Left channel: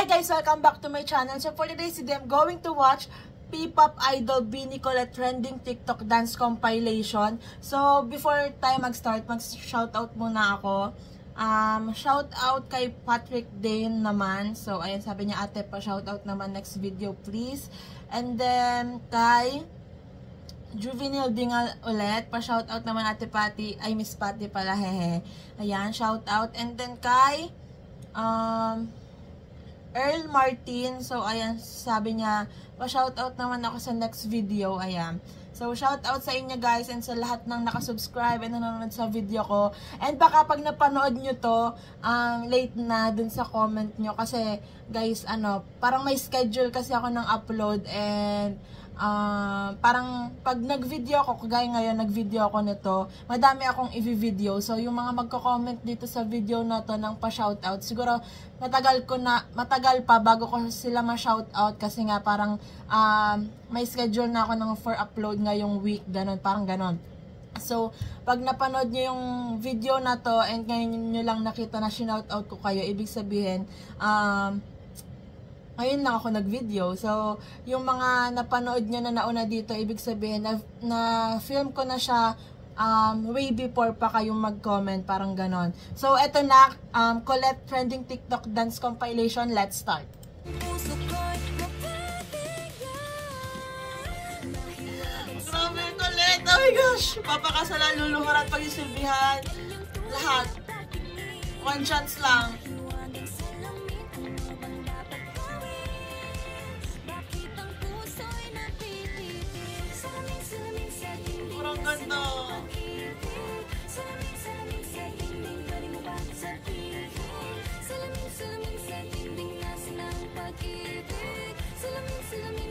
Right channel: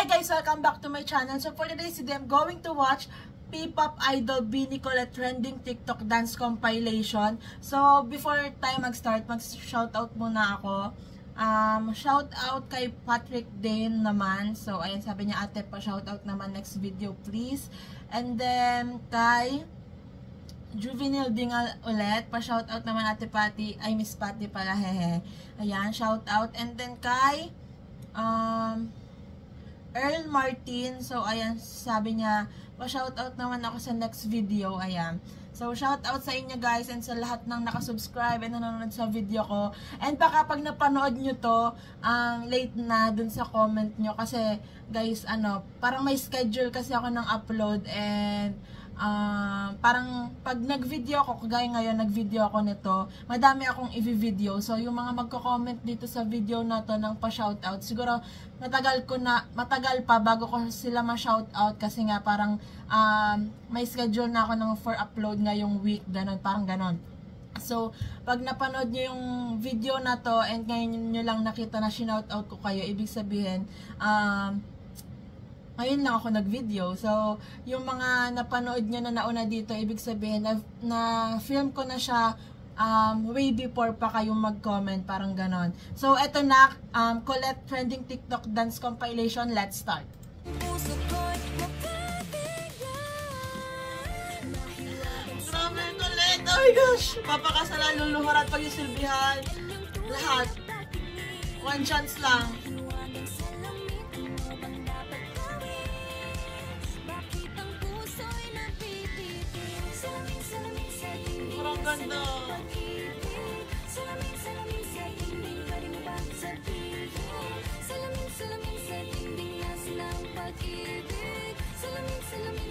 Hi guys! Welcome back to my channel. So for today's video, I'm going to watch P-pop idol Bini Colette trending TikTok dance compilation. So before tayo mag-start, mag-shoutout muna ako. Shoutout kay Patrick Dane naman. So ayan, sabi niya, ate pa shoutout naman next video please. And then kay Juvenile Dingal ulit, pa shoutout naman ate Patty, ay Miss Patty pala, hehe. Ayan, shoutout. And then kay Earl Martin, so ayan, sabi niya, pa-shoutout naman ako sa next video, ayan. So, shoutout sa inyo guys and sa lahat ng nakasubscribe and nanonood sa video ko. And baka pag napanood nyo to, late na dun sa comment nyo kasi guys, parang may schedule kasi ako ng upload and parang pag nag-video ako, kagaya ngayon nag-video ako nito, madami akong i-video. So yung mga magko-comment dito sa video na to ng pa-shoutout, siguro matagal pa bago ko sila ma-shoutout kasi nga parang may schedule na ako ng for upload ngayong week, ganun, parang ganun. So pag napanood nyo yung video na to and ngayon nyo lang nakita na shoutout ko kayo, ibig sabihin ngayon lang ako nag-video. So, yung mga napanood nyo na nauna dito, ibig sabihin na film ko na siya way before pa kayong mag-comment, parang ganon. So, eto na, Colette trending TikTok dance compilation. Let's start. Grabe, Colette! Oh my gosh! Papakasalan, luluhurat, pag-isilbihan. Lahat. One chance lang. Ganda.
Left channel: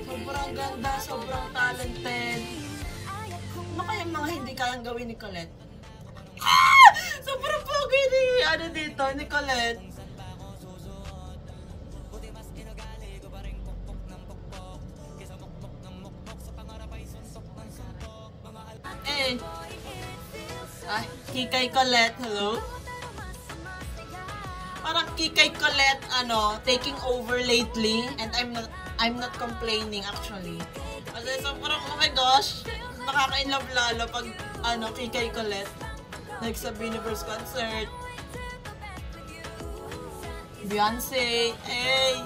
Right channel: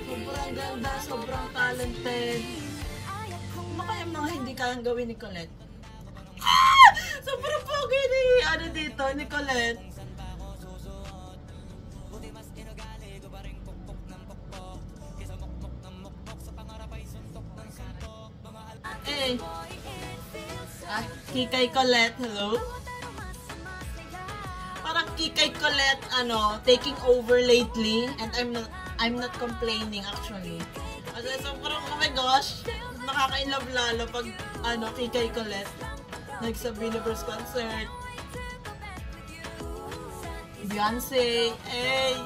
Sobrang ganda, sobrang talented. Ano kaya mga hindi kayang gawin ni Colette? Sobrang pogi ni dito, ni Colette. Kikay Colette, hello? Parang Kikay Colette, taking over lately, and I'm not complaining actually. Kasi sobrang, oh my gosh, nakaka-inlove lalo pag, Kikay Colette. Like sa Biniverse concert. Beyonce, hey!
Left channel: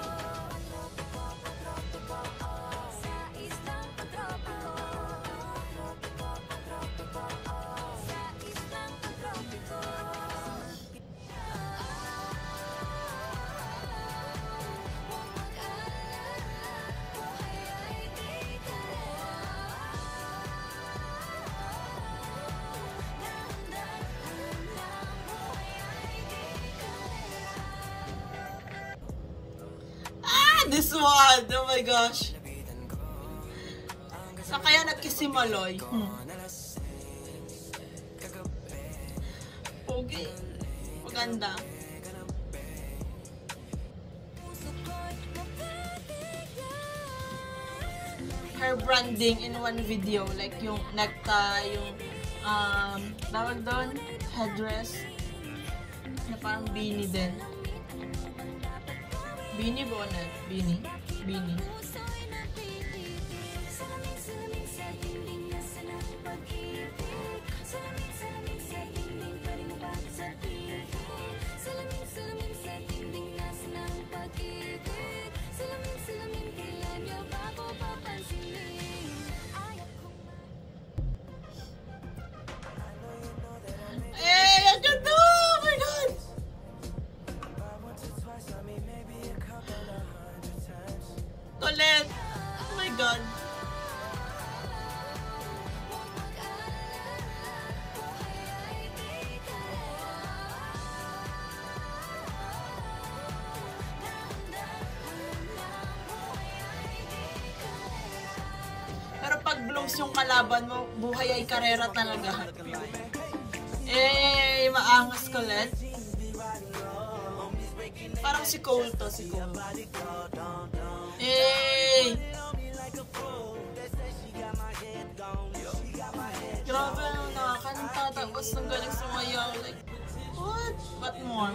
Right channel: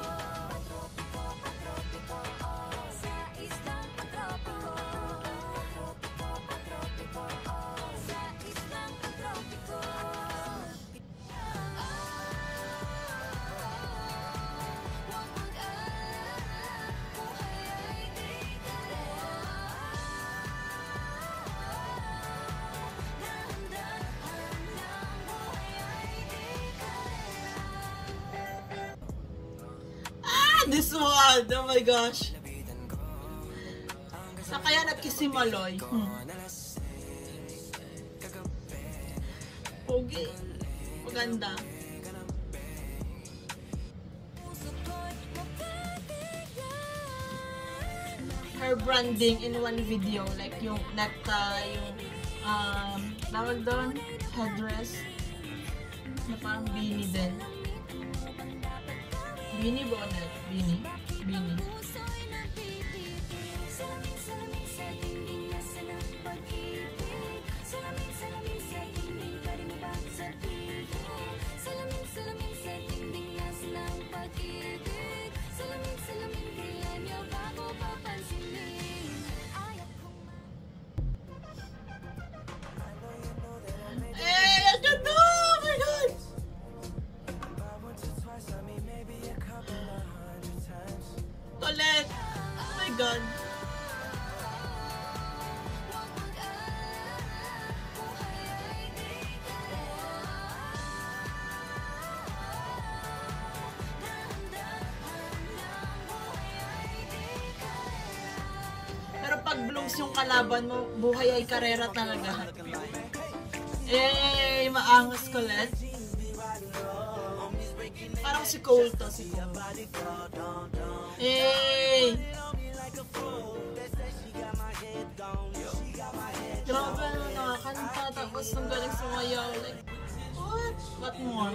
This one! Oh my gosh! Sa kaya nagkisimaloy? Pogi. Maganda. Her branding in one video. Like yung necktie, yung tawag doon, headdress. Na parang beanie din. Beanie bonnet. Beanie. Colette! Oh my God! Pero pag blooms yung kalaban mo, buhay ay karera talaga. Eh, maangas Colette. Parang si Cole to, si Cole. Hey! Grabe, nakakanta. Tapos nang galing sumayaw. Like, what? What more?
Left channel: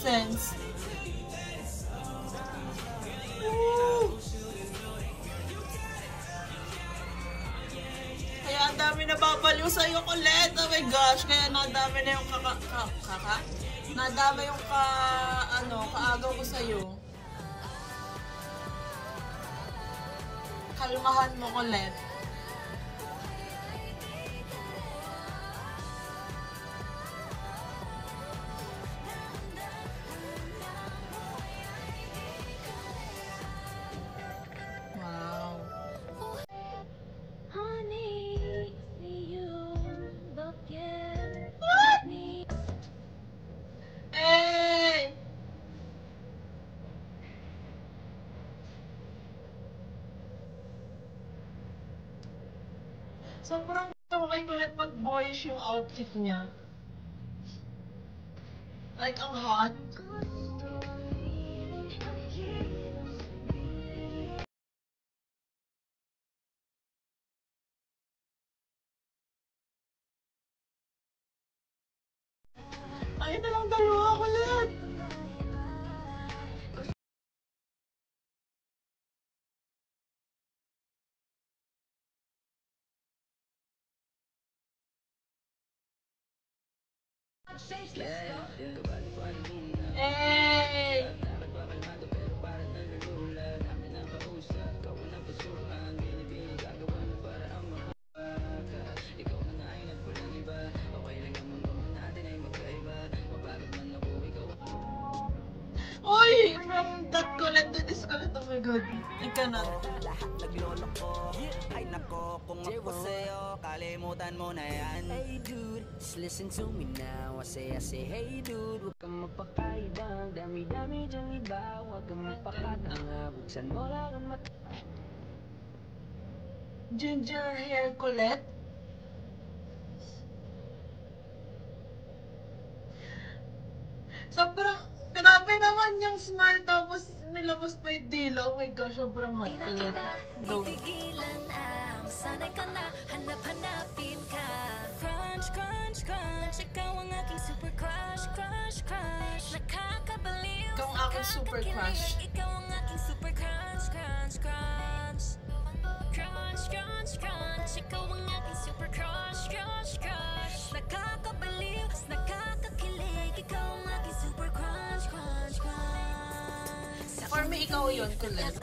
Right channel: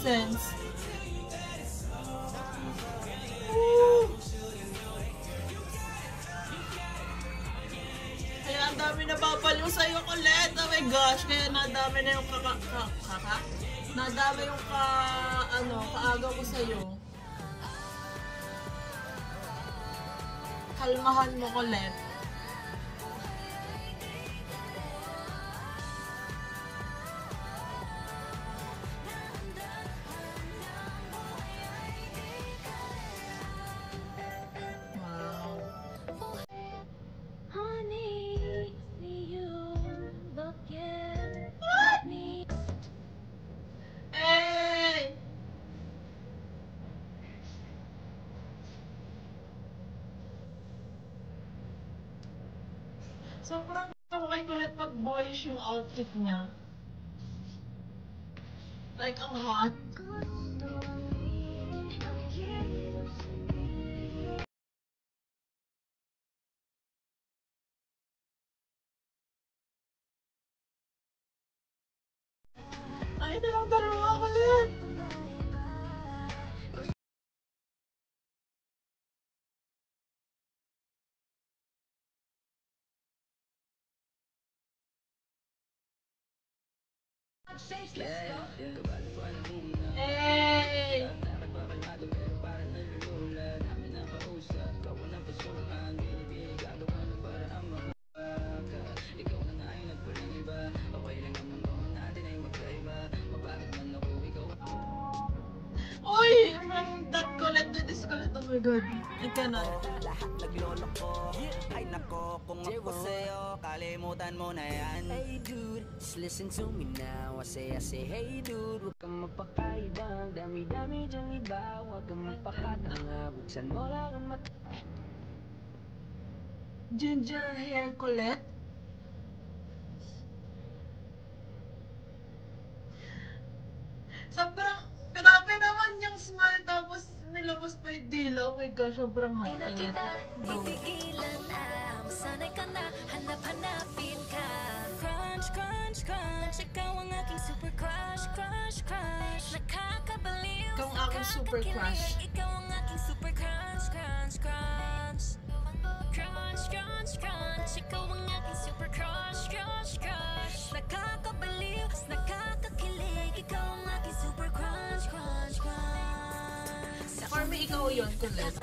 sense. Kaya ang dami na babaliw sa'yo, Colette. Oh my gosh. Kaya nadami na yung nadami yung kaagaw ko sa'yo. Kalmahan mo, Colette. Sobrang kaway ko ulit pag boyish yung outfit niya. Like, ang hot. Ay, ito lang dalawa ko ulit. Hey! Uy! That Colette, that is Colette. Oh my God. Ika na. Lahat naglolo ko. Ay nako, kung ako sa'yo, kalimutan mo na yan. Hey dude, just listen to me now. I say, hey dude, huwag kang magpakaibang. Dami-dami dyan iba, huwag kang magpakatanga. Buksan mo lang ang mata. Ginger hair Colette. Sobrang grabe naman yung smile, tapos nilabas pa yung dila. Oh my gosh, sobrang hot. Titigilan na, masanay ka na, hanap-hanapin ka. Crunch, crunch, crunch, ikaw ang aking super crush, crush, crush. Nakakabaliw, Ikaw ang aking super crush. ikaw ang aking super crunch, crunch, crunch. Crunch, crunch, crunch, ikaw ang aking super crush, crush, crush. Nakakabaliw, nakakakilig, ikaw ang aking super crunch, crunch, crunch. For me, ikaw yun, Colette.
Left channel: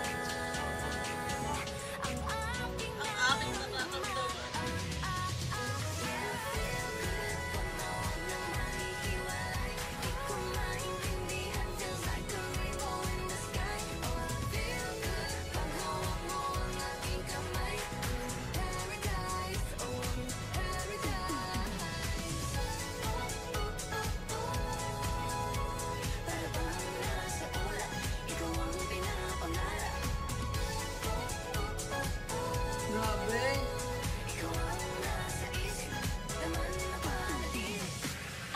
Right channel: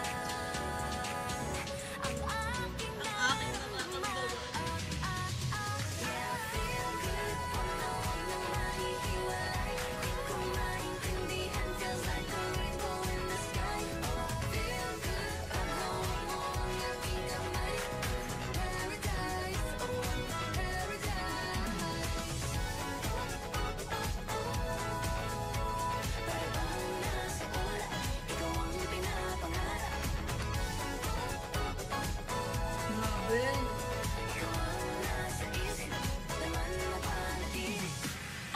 Ang aking nararamdaman, yeah, feel good, puno ng mahihiwalay. Di ko maintindihan, feels like a rainbow in the sky. Oh, feel good, pag hawak mo ang aking kamay. Paradise, oh, paradise. Para bang nasa ulap, ikaw ang pinapangarap. Grabe. Ikaw ang nasa isip, naman napanatili.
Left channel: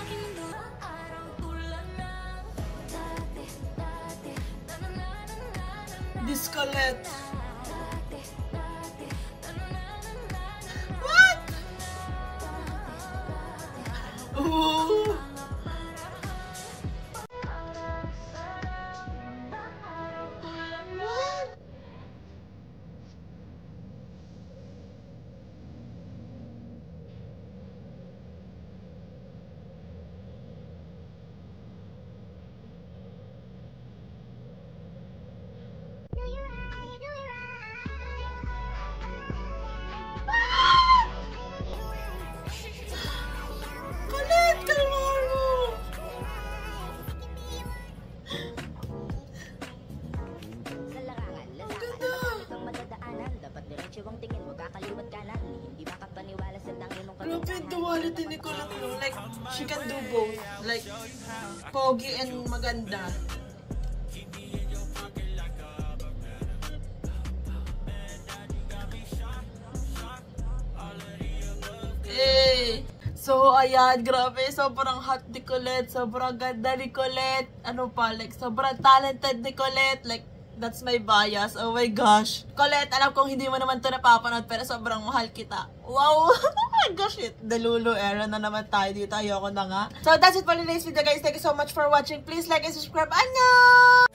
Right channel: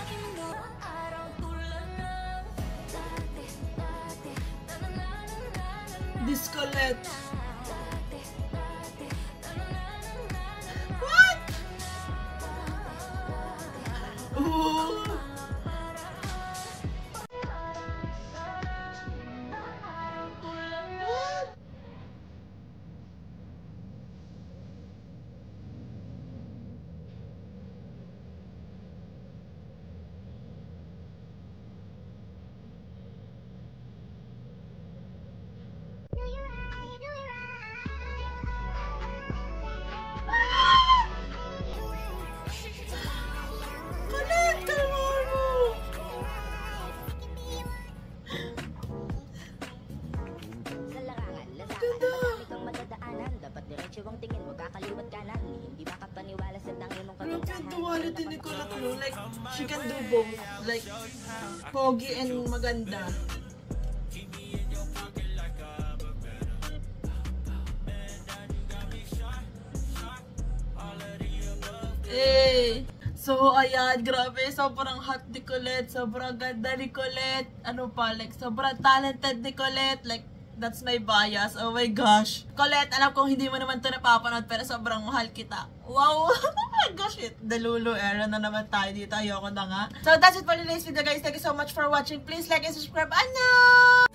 Aking mundo ang araw tulad ng dati, dati. Na-na-na-na-na-na-na. This Colette. Dati, dati. Na-na-na-na-na-na-na. What? Ooh. What? Colette, kalma mo. Sa larangan, lansangan, madami kang madadaanan. Dapat diretso ang tingin, huwag kakaliwat kanan. Hindi makapaniwala sa tangin mong Grabe yung kagandahan. duality ni Colette mo. Like, she can do both. Like, pogi and maganda. Hey! So, ayan, grabe, sobrang hot ni Colette, sobrang ganda ni Colette, ano pa, like, sobrang talented ni Colette, like, that's my bias, oh my gosh. Colette, alam kong hindi mo naman ito napapanood, pero sobrang mahal kita. Wow! Oh my gosh, shit, delulu era na naman tayo dito. Ayoko na nga. So, that's it for today's video, guys. Thank you so much for watching. Please like and subscribe. Annyeong!